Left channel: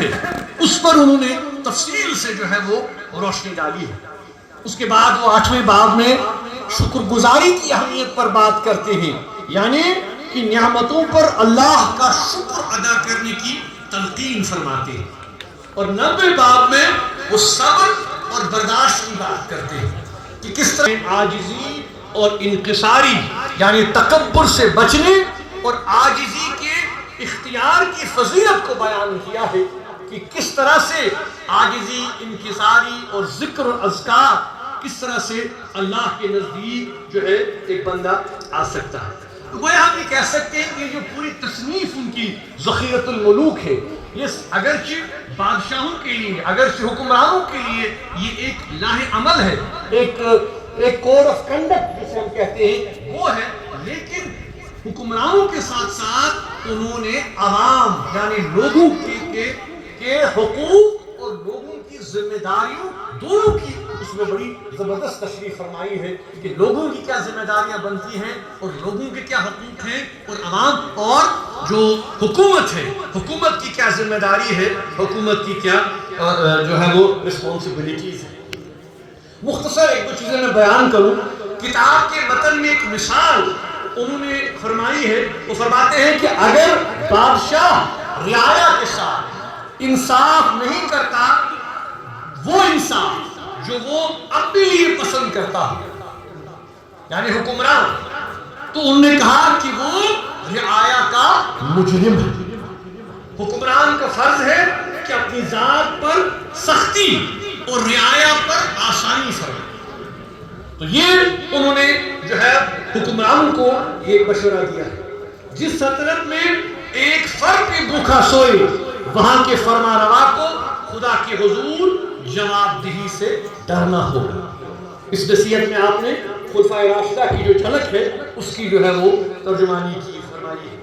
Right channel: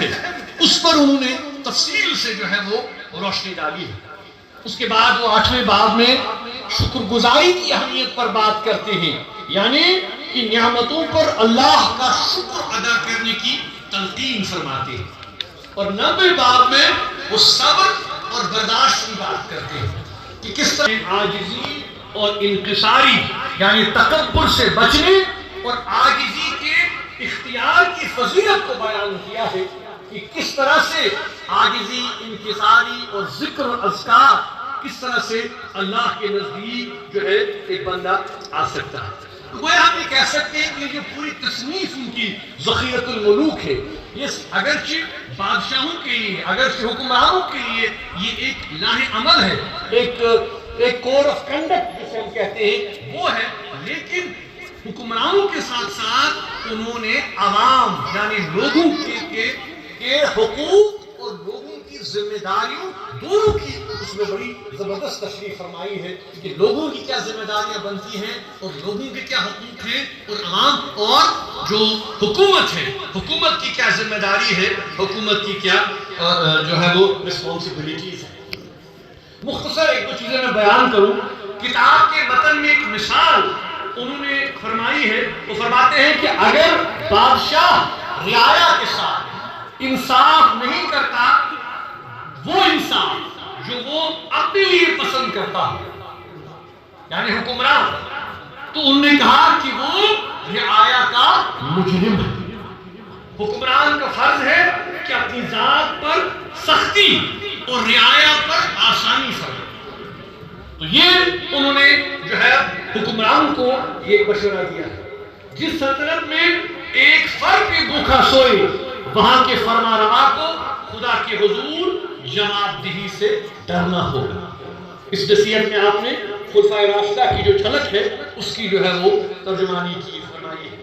ہے اس پر انہوں نے تفصیل سے جو ہے وہ روشنی ڈالی ہے۔ اس کے بعد وہ 8ویں باب میں شکر گزاری کی اہمیت پر بات کرتے ہیں، یعنی کہ نعمتوں پر اللہ کا شکر ادا کرنے کی تلقین فرماتے ہیں، اور 9ویں باب میں وہ صبر اور برداشت کی بات کرتے ہیں کہ کس طرح عاجزی اور انکساری یعنی تکبر سے بچنے اور عاجزی کے اختیار کی فضیلت کو بیان کیا ہے کہ کس طرح سے عاجزی، انکساری اور ذکر و اذکار کس طرح سے اللہ کے نزدیک جو ہے ایک بندہ آ سکتا ہے۔ تو گویا ہم یہ کہہ سکتے ہیں کہ جو پوری تصنیف ان کی ذخیرۃ الملوک ہے، یہ اگرچہ بادشاہوں کے لیے، اگرچہ حکمرانوں کے لیے یہ ایک لاہ عمل ہے، ایک کوڈ آف کنڈکٹ جسے ہم کہتے ہیں وہ ہے، لیکن حکمرانوں کے ساتھ ساتھ انہوں نے عوام یعنی لوگوں کے حقوق اور لوگوں کی ذمہ داریوں دونوں کی اس میں بڑی زبردست تشریح فرمائی ہے کہ لوگوں کی کیا ذمہ داریاں بنتی ہیں اور لوگوں کے کیا حقوق ہیں، اور عوام اور جو حکومت ہے، حکومت کی کیا ذمہ داری ہے، حکومت کی کیا جو ہے وہ رسپانسبلٹیز ہیں۔ مختصر ایک دو چیزیں میں بیان کروں۔ کتاب کے متن میں ایک مثال انہوں نے فرمائی ہے، وہ فرماتے ہیں کہ اگر بادشاہ رعایا کے ساتھ انصاف نہیں کرتا، وہ انصاف جو وہ اپنے لیے پسند کرتا ہے یعنی حکمران، تو انہوں نے کہا کہ وہ رعایا کا مجرم ہے۔ حکمران کا فرض ہے کہ اپنی ذات پر سختی اور رعایا پر آسانی فرمائے۔ تو یہ انہوں نے جو ہے حکمران کو یہ مشورہ دیا ہے، جس سلطنت میں ایک فرد بھی بھوکا سوئے وہاں کے فرما روا کو خدا کے حضور جواب دہی سے ڈرنا ہوگا۔ اس نصیحت میں آپ نے خلفائے راشدہ کی جو جھلک ہے اس کی جو ہے وہ ترجمانی کی فرمائی ہے۔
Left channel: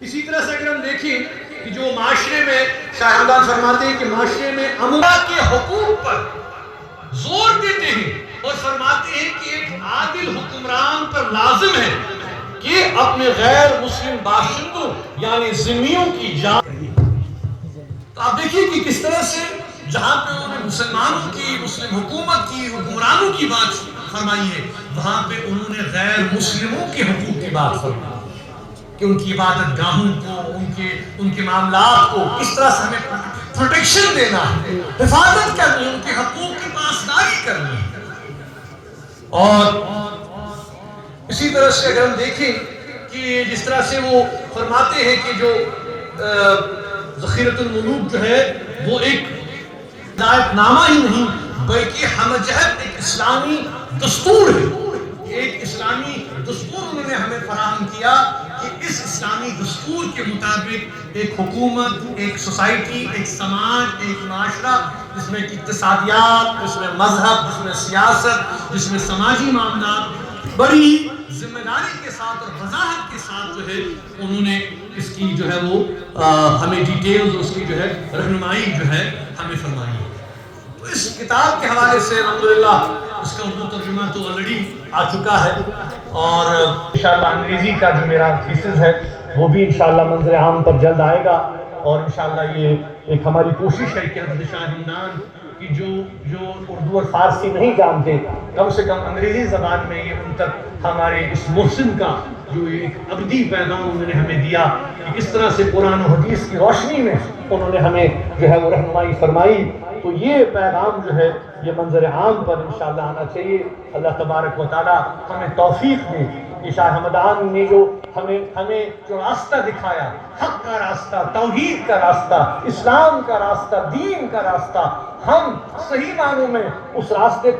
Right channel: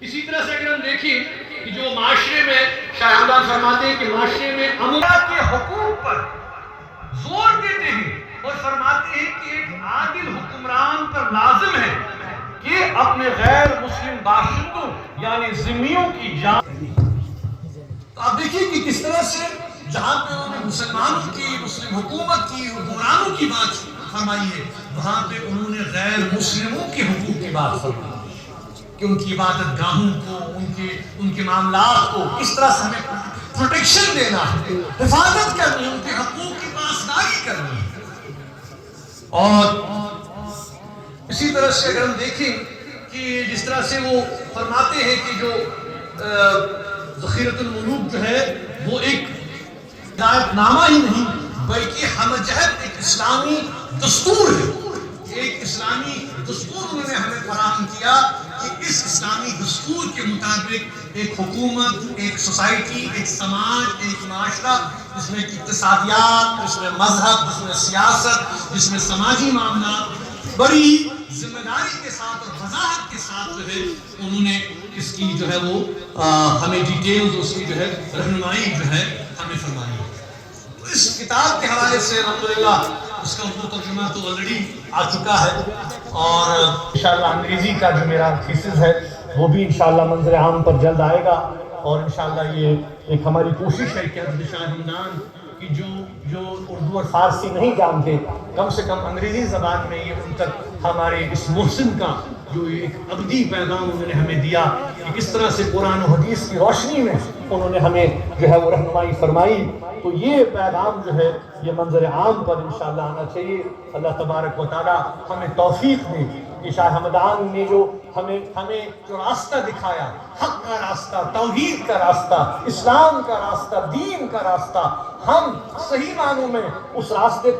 اسی طرح سے اگر ہم دیکھیں کہ جو معاشرے میں شاہ ہمدان فرماتے ہیں کہ معاشرے میں امرا کے حقوق پر زور دیتے ہیں اور فرماتے ہیں کہ ایک عادل حکمران پر لازم ہے کہ اپنے غیر مسلم باشندوں یعنی ذمیوں کی جان۔ تو آپ دیکھیے کہ کس طرح سے جہاں پہ انہوں نے مسلمانوں کی، مسلم حکومت کی، حکمرانوں کی بات فرمائی ہے، وہاں پہ انہوں نے غیر مسلموں کے حقوق کی بات فرمائی کہ ان کی عبادت گاہوں کو، ان کے معاملات کو کس طرح سے ہمیں پروٹیکشن دینا ہے، حفاظت کرنی ہے، ان کے حقوق کی پاسداری کرنی ہے۔ اور اسی طرح سے اگر ہم دیکھیں کہ جس طرح سے وہ فرماتے ہیں کہ جو ذخیرۃ الملوک جو ہے وہ ایک ہدایت نامہ ہی نہیں بلکہ ہم جہت ایک اسلامی دستور ہے، ایک اسلامی دستور انہوں نے ہمیں فراہم کیا کہ اس اسلامی دستور کے مطابق ایک حکومت، ایک سوسائٹی، ایک سماج، ایک معاشرہ جس میں اقتصادیات، جس میں مذہب، جس میں سیاست، جس میں سماجی معاملات بڑی ذمہ داری کے ساتھ اور وضاحت کے ساتھ جو ہے انہوں نے اس کی جو ہے وہ ہمیں ڈیٹیلز، اس کی جو ہے رہنمائی جو ہے ہمیں فرمائی ہے۔ تو اس کتاب کے حوالے سے الحمدللہ اس کا اردو ترجمہ تو آلریڈی آ چکا ہے، اور انشاءاللہ انگریزی کا جو میرا تھیسس ہے وہ بھی انشاءاللہ منظر عام پر جلد آئے گا، اور انشاءاللہ یہ ایک ہماری کوشش ہے کہ حضرت شاہ ہمدان کی جو اردو اور فارسی نہیں جانتے، کم سے کم انگریزی زبان میں یہ ان تک ہمارے اس محسن کا جو ایک ابدی پیغام انہوں نے ہمیں دیا کہ کس طرح سے قرآن و حدیث کی روشنی میں انہوں نے ہمیں جو ہے وہ رہنمائی فرمائی، تو یہ پیغام جو ہے یہ منظر عام پر انشاءاللہ آنا چاہیے۔ اللہ تبارک و تعالی ہمیں توفیق دے کہ شاہ ہمدان نے جو ہمیں جو راستہ دکھایا، حق کا راستہ، توحید کا راستہ، اسلام کا راستہ، دین کا راستہ، ہم صحیح معنوں میں اس راستے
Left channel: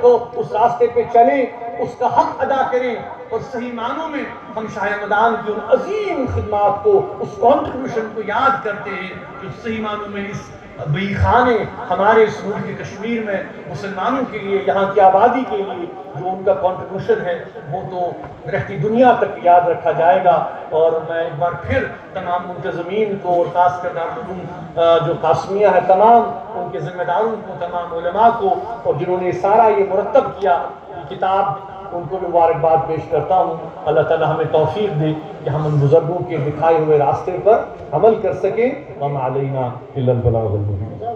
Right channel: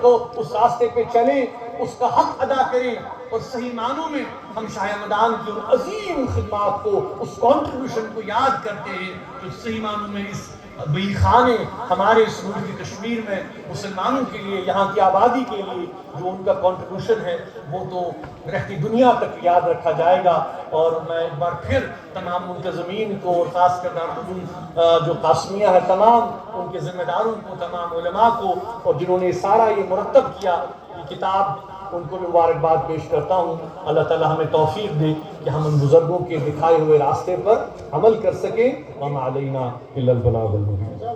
پہ چلیں، اس کا حق ادا کریں، اور صحیح معنوں میں ہم شاہ ہمدان کی ان عظیم خدمات کو، اس کنٹریبیوشن کو یاد کرتے ہیں جو صحیح معنوں میں اس بئی خانے ہمارے اس ملک کشمیر میں مسلمانوں کے لیے، یہاں کی آبادی کے لیے جو ان کا کنٹریبیوشن ہے وہ تو رہتی دنیا تک یاد رکھا جائے گا۔ اور میں ایک بار پھر تمام منتظمین کو اور خاص کر دارالعلوم جو قاسمیہ ہے تمام ان کے ذمہ داروں کو، تمام علماء کو، اور جنہوں نے سارا یہ مرتب کیا، یہ کتاب ان کو بھی مبارکباد پیش کرتا ہوں. اللہ تعالیٰ ہمیں توفیق دے کہ ہم ان بزرگوں کے دکھائے ہوئے راستے پر عمل کر سکیں. وما علینا الا البلاغ المبین.